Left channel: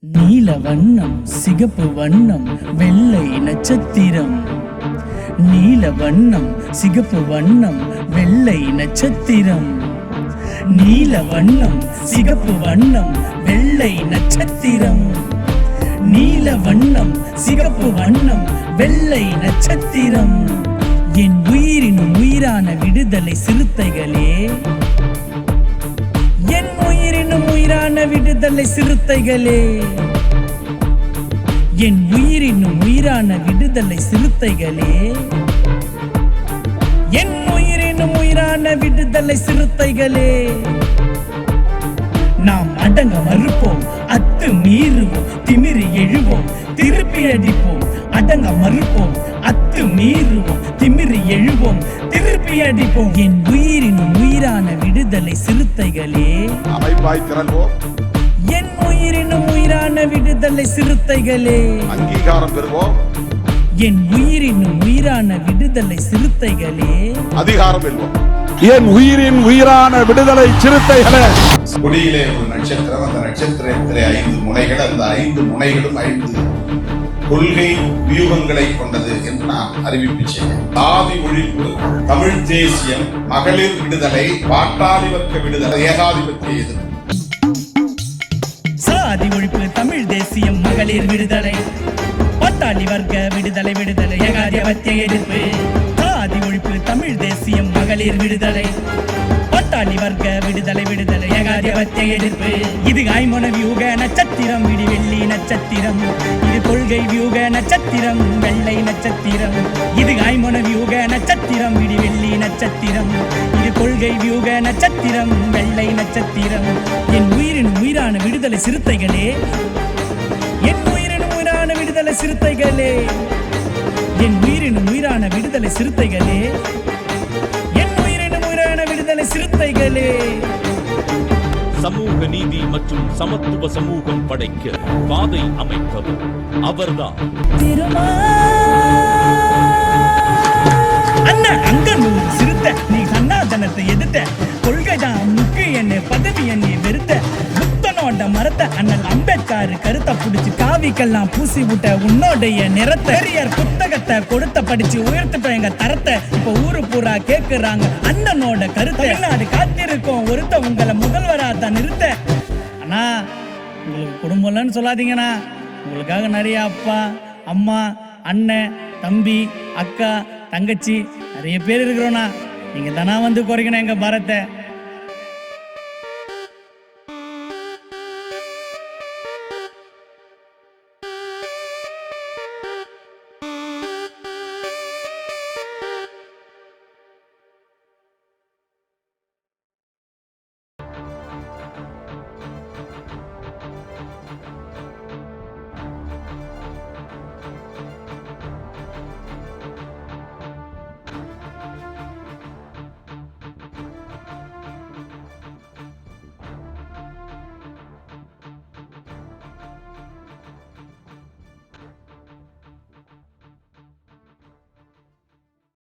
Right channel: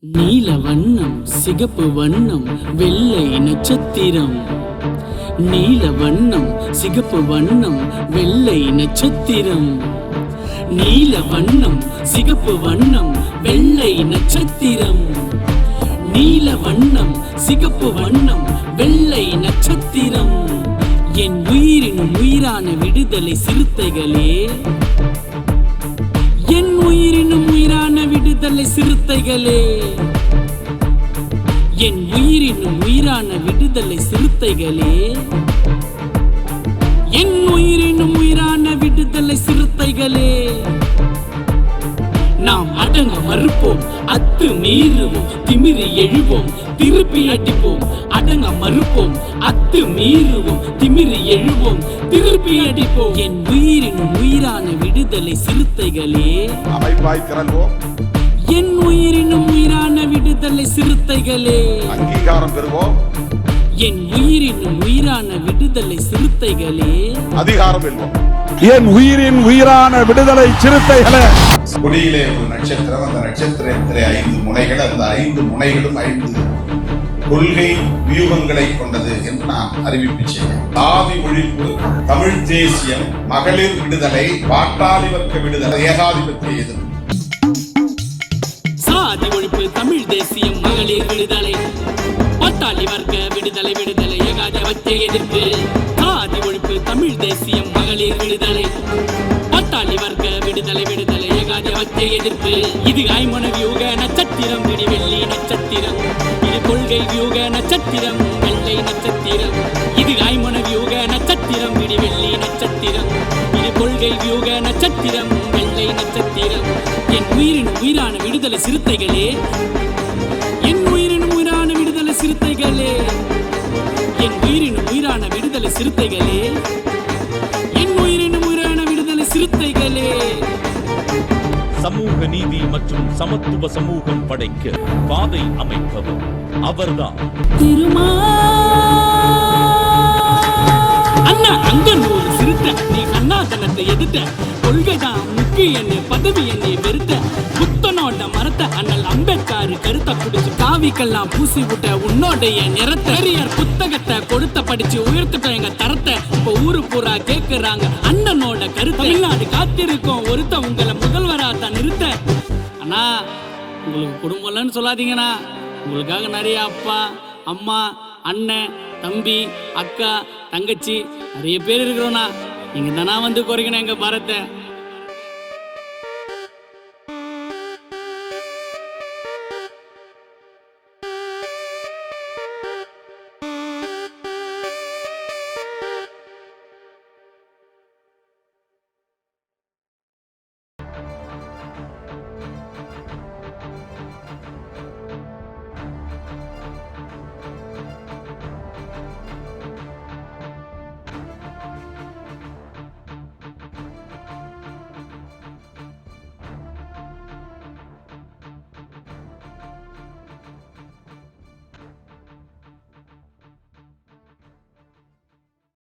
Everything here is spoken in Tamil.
நீல வண்ணம் சிகப்பு வண்ணம் வெள்ளை நட்சத்திரம். நீல வண்ணம் சிகப்பு வண்ணம் வெள்ளை நட்சத்திரம். நீல வண்ணம் சிகப்பு வண்ணம் வெள்ளை நட்சத்திரம். நீல வண்ணம் சிகப்பு வண்ணம் வெள்ளை நட்சத்திரம். என் உயிரின் உயிரான விடுதலை சிறுத்தைகளே விடுதலை சிறுத்தைகளே. என் உயிரின் உயிரான விடுதலை சிறுத்தைகளே. என் உயிரின் உயிரான விடுதலை சிறுத்தைகளே. நாம் அடங்க மறுப்போம் அத்து மீறுவோம் திமிரி எழுவோம் திருப்பி அடிப்போம். அடங்க மறுப்போம் அத்து மீறுவோம் திமிரி எழுவோம் திருப்பி அடிப்போம். என் உயிரின் உயிரான விடுதலை சிறுத்தைகளே. அமைப்பாய் திரள்வோம். என் உயிரினும் உயிரான விடுதலை சிறுத்தைகளே. அங்கீகாரம் பெறுவோம். என் உயிரினும் உயிரான விடுதலை சிறுத்தைகளே. அதிகாரம் வெல்வோம் என் உயிரின் உயிரான விடுதலை சிறுத்தைகளே. கொடியிலே ஒரு நட்சத்திரம் அந்த நட்சத்திரத்திலே ஐந்து முனைகள் அந்த ஐந்து முனைகளும் ஐந்து கொள்கை வியூகங்களை கொண்டது என்று நான் அறிவிப்பு செய்தேன் ஆதி ஒழிப்பு தமிழ் தேசியம் மகளிர் விடுதலை பாட்டாளி வர்க்க விடுதலை ஏகாதிபத்திய எதிர்ப்பு. சாதி ஒழிப்பு தமிழ் தேசியம் மகளிர் விடுதலை. பட்டாளி வர்க்க விடுதலை விடுதலை ஏகாதிபத்திய எதிர்ப்பு. சாதி ஒழிப்பு தமிழ் தேசியம் மகளிர் விடுதலை. பட்டாளி வர்க்க விடுதலை விடுதலை ஏகாதிபத்திய எதிர்ப்பு. இது ஐமன வியூக நட்சத்திரம் விடி வெள்ளி நட்சத்திரம். இது கொள்கை வியூக நட்சத்திரம் வெள்ளை நட்சத்திரம். இது ஐமன வியூக நட்சத்திரம் விடி வெள்ளி நட்சத்திரம். இது கொள்கை வியூக நட்சத்திரம் வெள்ளை நட்சத்திரம். என் உயிரின் உயிரான விடுதலை சிறுத்தைகளே. என் உயிரின் உயிரான விடுதலை சிறுத்தைகளே. என் உயிரின் உயிரான விடுதலை சிறுத்தைகளே. சிறுத்தைகளே. சமூக நீதி மற்றும் சமத்துவ சமூகம் படைக்க பாதை அமைப்பவர் அவர்தான். அண்ணா அங்க நூறு சிறுத்தை நீ சன்னாதனத்தை எதிர்த்த அம்பேத்கர் கருத்தை புடிச்சு காவிக்கெல்லாம் பூசி விட்ட உன்னோடைய நிறத்தை. பெரியர் புத்தகத்தை கொடுத்த படிச்சு உயர்த்திட்டோம் எங்க தரத்தை. இப்ப ஊரு பூரா கேக்குறாங்க. அண்ணனோட கருத்தை. தமிழ்நாடு காத்திருக்கோம். ஒருத்த உங்களை முதல்வரா தான் நிறுத்த. அண்ணா உங்களுக்கு குடும்பம்லன்னு சொல்லாதீங்கண்ணா. உங்களுக்காக நிறைய அப்பா அம்மா அண்ணன் தம்பி அக்கா தங்கச்சி நிறைய பேர் இருக்கிறோண்ணா. நீங்க தானா வந்து குறைக்கணும் எங்க பாரத்தை.